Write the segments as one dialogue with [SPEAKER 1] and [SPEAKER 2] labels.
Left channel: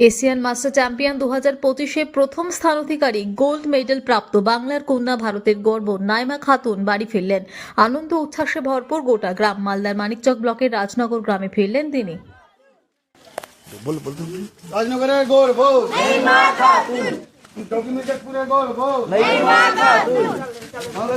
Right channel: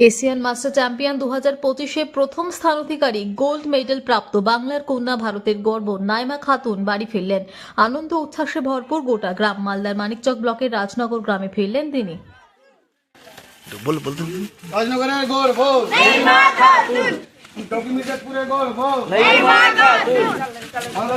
[SPEAKER 1] Asian master champion দু হাজার পঁচিশে প্রথম স্থান অধিকারী গোল্ড মেডেল প্রাপ্ত বাংলার কন্যা ভারতের গর্ব নাইমা খাতুন বাড়ি ফিরলেন। আনন্দ উচ্ছ্বাসে ভরপুর গোটা গ্রাম। মালদার মানিকচক ব্লকের রাজনগর গ্রামে ফিরলেন তিনি।
[SPEAKER 2] রাজনগরের গোল বল ডকুমেন্টের গোল বল বাংলা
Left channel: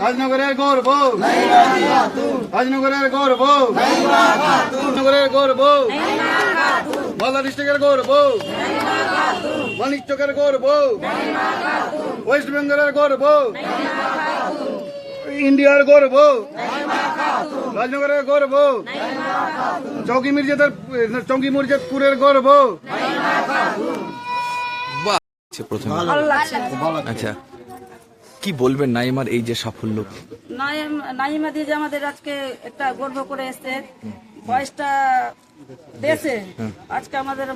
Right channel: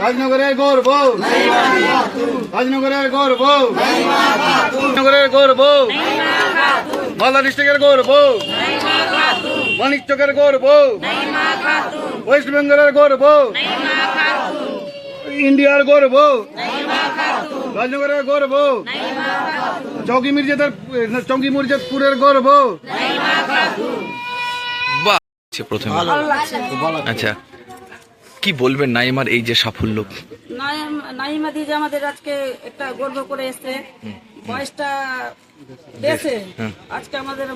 [SPEAKER 2] রাজনগরের গোল বল রাজনগরের গোল বল রাজনগরের গোল বল মালদা ডিস্ট্রিক্টের গোল মানিক চকের গোল ওয়েস্ট বেঙ্গলের গোল ইন্ডিয়ার গোল বল রাজনগরের গোল বল চৌকি মির্জাদের চৌকি মির্জাপুরের গর্ব
[SPEAKER 3] প্রথমে। আচ্ছা কি বলবেন নাইমার এই যে সাফল্য?
[SPEAKER 4] নাইম- দি যে আমাদের আজকে একটা গর্ব করে এসছে। বয়সটা দেশে আজকে আমাদের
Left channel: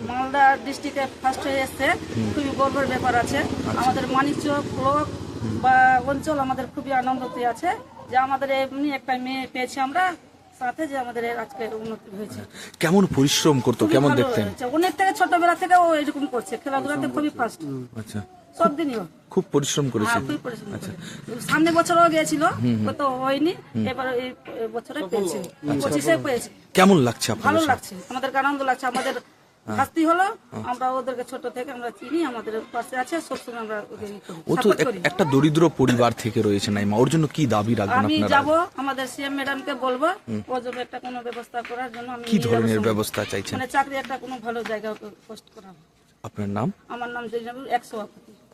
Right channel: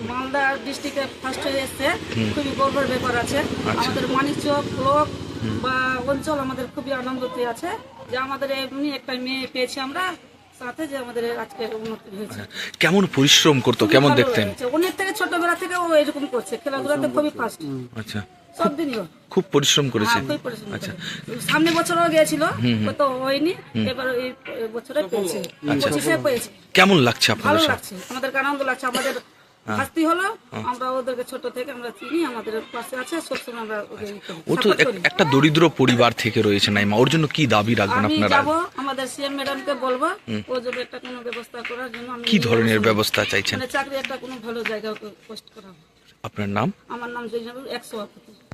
[SPEAKER 4] মালদা ডিস্ট্রিক্টে ফার্স্ট হয়ে এসছে। খুবই গর্বের ব্যাপার আছে। আমাদের মানিকচক ব্লক বা অঞ্চল আমাদের খুবই আনন্দতে আছে। যে আমাদের এমনি একটা মেয়ে পেয়েছি আমরা সাথে যে আমাদের আজকে উন্নতি হয়েছে।
[SPEAKER 3] কেমন পরিশ্রম করতো কেমন দেখতেন?
[SPEAKER 4] অনেক থেকে ছোটবেলা থেকে ও এরকম করছে। খেলাধুলাতে খুবই ফার্স্ট
[SPEAKER 3] আচ্ছা।
[SPEAKER 4] সব দিনই
[SPEAKER 3] খুব পরিশ্রম করেছে
[SPEAKER 4] হ্যাঁ, পরিশ্রম
[SPEAKER 3] আচ্ছা।
[SPEAKER 4] সামনে বছরও গিয়েছিল তো হয়নি এবার এই বছরে পেয়েছে। পঁচিশে পেয়েছে।
[SPEAKER 3] কেমন লাগছে
[SPEAKER 4] ভালো
[SPEAKER 3] আপনাদের সব?
[SPEAKER 4] লাগছে। আমাদের আনন্দ লাগছে আমাদের শাস্তি হলো আমরা ওদেরকে ছোট থেকে আমরা চিনি আমাদের পাশে আছে সবসময় আমরা
[SPEAKER 3] ও তো। একটা দরিদ্র পরিবার থেকে রয়েছে নাইমা। ওর জন্য কি দাবি রাখবেন
[SPEAKER 4] আমি
[SPEAKER 3] আপনারা?
[SPEAKER 4] যাব আমাদের সিএম ম্যাডামকে বলব ও যদি একটা কোনো ব্যবস্থা করার জন্য আমি
[SPEAKER 3] কি ধরনের ব্যবস্থা চাইছেন?
[SPEAKER 4] মানে চাকরি একটা কোনো ভালো জায়গা পোস্ট করা
[SPEAKER 3] আপনার নাম?
[SPEAKER 4] আমার নাম জৈনবুল একশো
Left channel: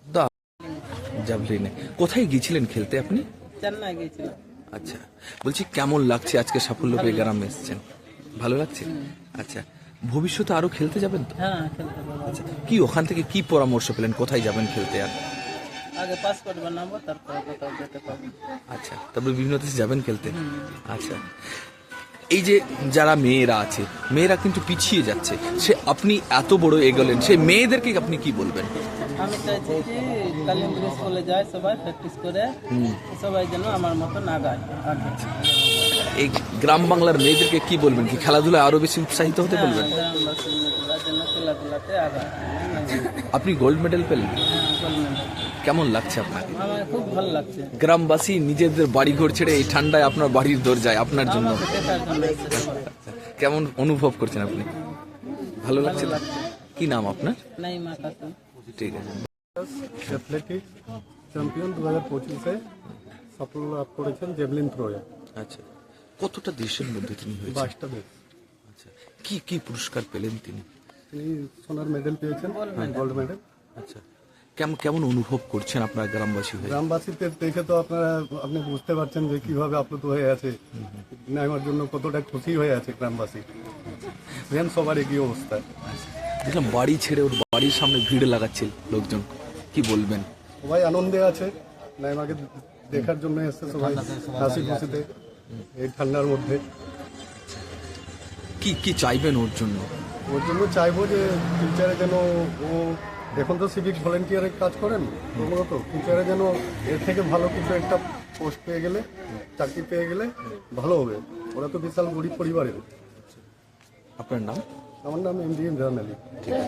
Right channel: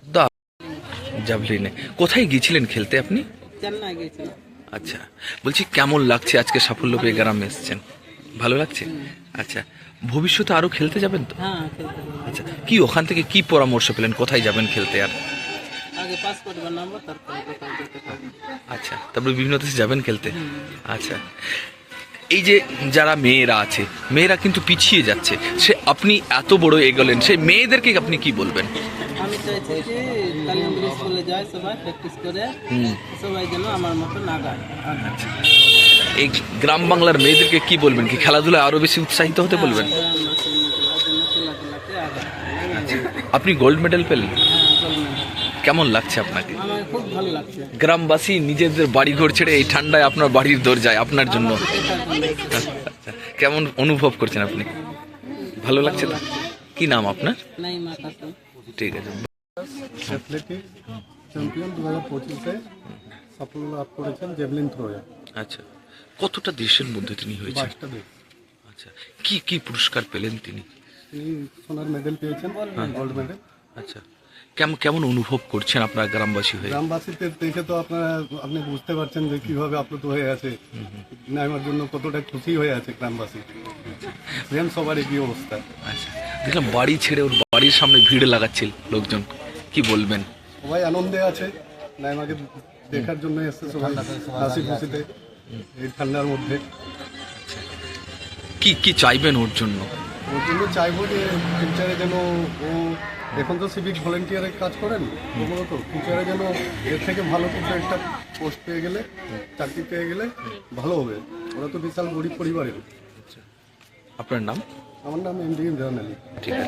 [SPEAKER 3] দা জাভলিনে কোথায় গিয়েছিলেন খেলতে আপনি? আচ্ছা বলছি কেমন লাগছে আজকে সাফল্য পেয়ে গ্রামে এসছেন? ভালো লাগছে? আচ্ছা ভবিষ্যতে আরও খেলতে যাবেন তো?
[SPEAKER 4] হ্যাঁ
[SPEAKER 3] আচ্ছা কি ওখান থেকে কি পরামর্শ পেলেন? কোথায় যাবেন খেলতে আর? আচ্ছা তারপরে বিভিন্ন দেশে যাবেন খেলতে? আচ্ছা এই যে যারা মেয়েরা আছে মেয়েরা কিন্তু পিছিয়ে যাচ্ছে। সে আপনি এত বড় এগোলেন সেই মেয়েদেরকে আপনি কি বলবেন?
[SPEAKER 4] চাইছি যে কালিন্দ্র স্কুলে যায় সবাই প্র্যাকটিস করে। সবাই যেন আমার মতো না গায়
[SPEAKER 3] আচ্ছা। এই গ্রাম বাংলার মেয়েদেরকে কি বলবেন কি খেলাধুলায় আরও বেশি উৎসাহিত হতে বলবেন?
[SPEAKER 4] খেলাধুলাতে আগায়।
[SPEAKER 3] আচ্ছা। আপনি গোল্ড মেডেল পেলেন?
[SPEAKER 4] হ্যাঁ,
[SPEAKER 3] কেমন লাগছে আপনাকে? গ্রামবাসী নিজেদের বাড়ি ঘর ছেড়ে এই ঠান্ডায় আপনার বাড়ির দরজায় আপনার জন্য। কেমন অনুভব করছেন আপনি? ভালো লাগছে? কি নাম আপনার? ঠিক আছে।
[SPEAKER 2] অ্যাথলেটিক চ্যাম্পিয়ন দু হাজার পঁচিশে সাফল্য লাভ করেছেন জেভলিন থ্রোয়ে
[SPEAKER 3] আচ্ছা কতটা দেশের মধ্যে তিনি হয়েছেন?
[SPEAKER 2] বাইশটা দেশ।
[SPEAKER 3] আচ্ছা কি কি পুরস্কার পেলেন তিনি?
[SPEAKER 2] তিনি সোনার মেডেল পেয়েছেন গোল্ড মেডেল
[SPEAKER 3] আচ্ছা কেমন কেমন অনুভব করছেন আপনার গ্রামবাসী হয়ে?
[SPEAKER 2] গ্রামবাসীতে দেখে তো আপনারা আপনি বুঝতে পারছেন যে কীভাবে আপ্লুত হয়ে আছে। নাইমার জন্য কতটা খুশি হয়ে আছে গ্রামবাসী। সেম সবার একই অবস্থা।
[SPEAKER 3] আচ্ছা দেখলাম বাড়ি ছেড়ে ওর বাড়ির সামনে ভিড় লাগাচ্ছিল লোকজন। কি বলবেন?
[SPEAKER 2] সবাই আনন্দে আছে। নাইমাকে দেখার জন্য এসছে সবাই হাসি খুশিতে এই ঠান্ডার মধ্যে।
[SPEAKER 3] কি কি চাইবেন ওর জন্য?
[SPEAKER 2] ওর জন্য চাইব যে ফিউচারে যেন ও এখন তো সিভিক ভলেন্টিয়ারের কাজ করেন প্রথমত ফিউচারে যেন এর থেকে ভালো কিছু একটা পোস্ট পেয়ে গেলে চাকরি পেয়ে গেলে ভালো হবে। ওরা তো বিশাল গরিব পরিবারের।
[SPEAKER 3] আপনার নাম?
[SPEAKER 2] আমার নাম এম ডি ইমরান আলী
[SPEAKER 3] ঠিক আছে।